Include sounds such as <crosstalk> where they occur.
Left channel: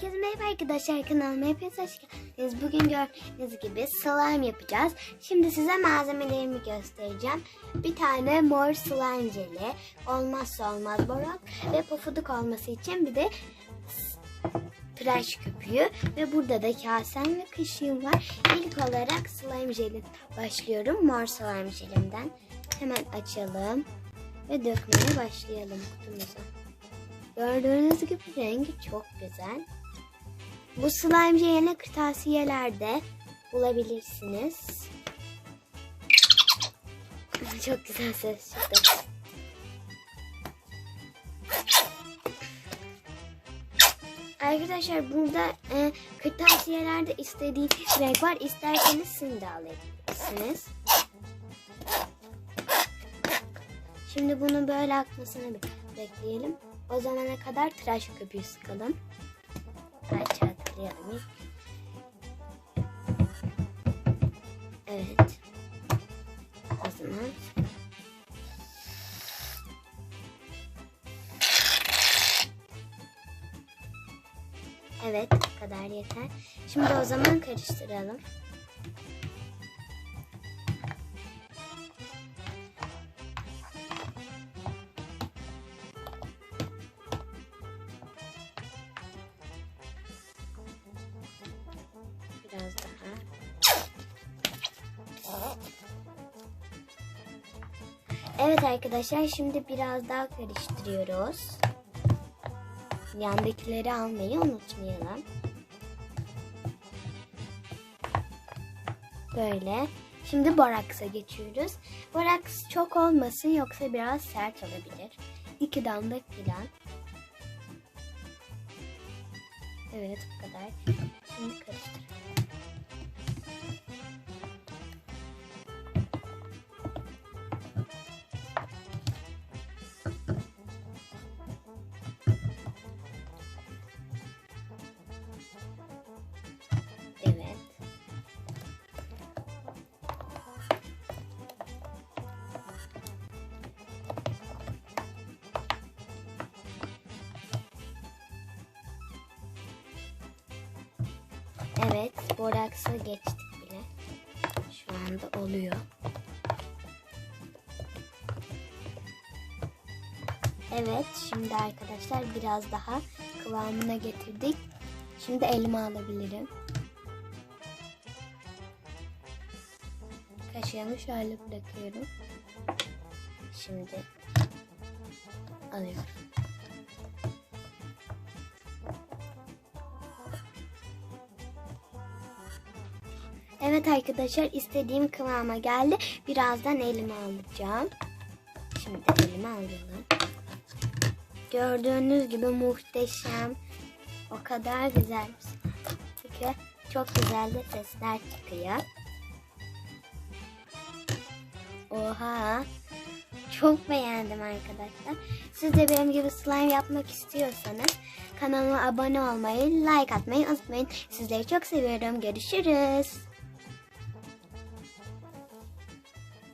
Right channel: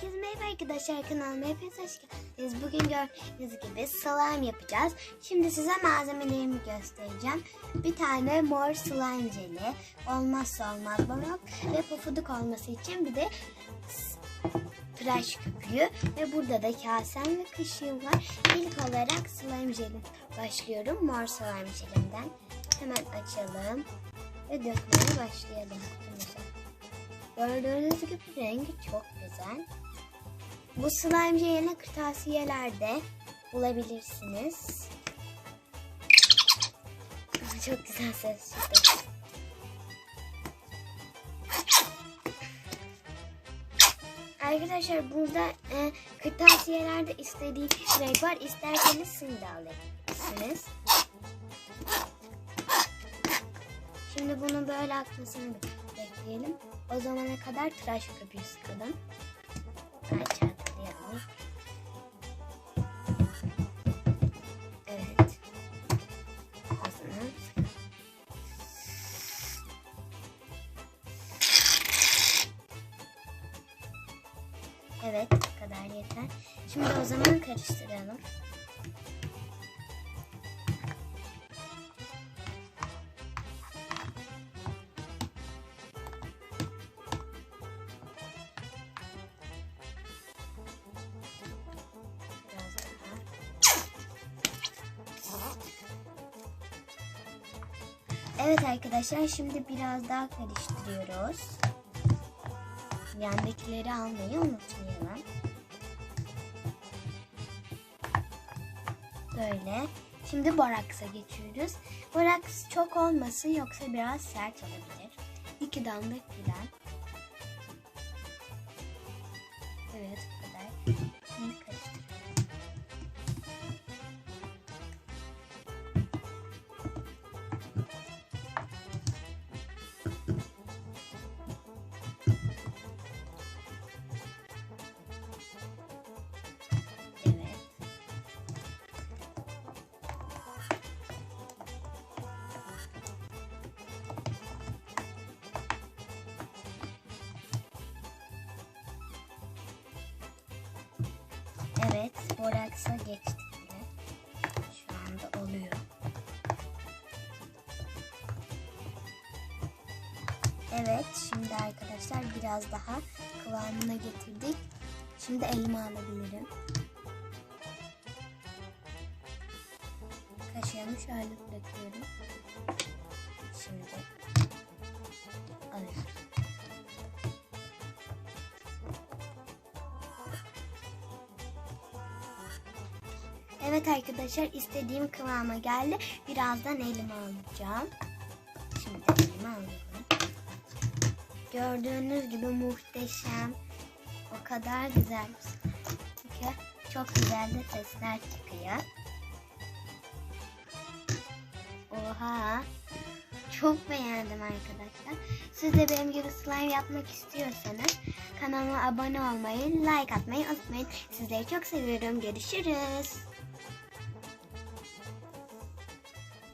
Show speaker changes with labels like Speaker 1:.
Speaker 1: Herkese merhaba arkadaşlar kanalıma hepiniz hoş geldiniz. Bugün gördüğünüz gibi slime yapacağız. Şimdi size malzemelerimi göstereceğim. Bir tane mor slime jeli, olmazsa olmaz borak ve pofuduk olması için bir de tıraş köpüğü ve burada da kasem ve kaşığım var. İlk olarak slime jeli başlıyorum. Mor slime jelimden. Hemen açalım ve dökmeye başlayalım. Gördüğünüz gibi rengi çok güzel. Bu slime jelini kırtasiyelerde bulabilirsiniz. <laughs> Çok güzel ses çıktı. Arkadaşlar burada e, kırtasiyelerde istediğiniz renk var. İsterseniz sim de alabilirsiniz. Şimdi bunu böyle akmasını bekleyelim. O zamana kadar tıraş köpüğü sıkalım. Evet, kadar yeter. Şimdi o zaman karıştıralım. Evet arkadaşlar şimdi biraz daha karıştırıyoruz. Yandakileri almayı unutmayalım. Böyle. Şimdi boraksa geçiyoruz. Boraks çok olmasın yoksa biraz sert olabilir. İki damla filan. Evet bu kadar. Şimdi Evet, boraksa geçtik bile. Şu anda oluyor. Evet, şimdi arkadaşlar biraz daha kıvamına getirdik. Şimdi elime alabilirim. Kaşığımı şöyle bırakıyorum. Şimdi alıyorum. Evet arkadaşlar istediğim kıvama geldi. Birazdan elime alacağım. Şimdi elime alıyorum. Gördüğünüz gibi muhteşem. O kadar güzel. Çünkü çok güzel de sesler çıkıyor. Oha. Çok beğendim arkadaşlar. Siz de benim gibi slime yapmak istiyorsanız kanalıma abone olmayı, like atmayı unutmayın. Sizleri çok seviyorum. Görüşürüz.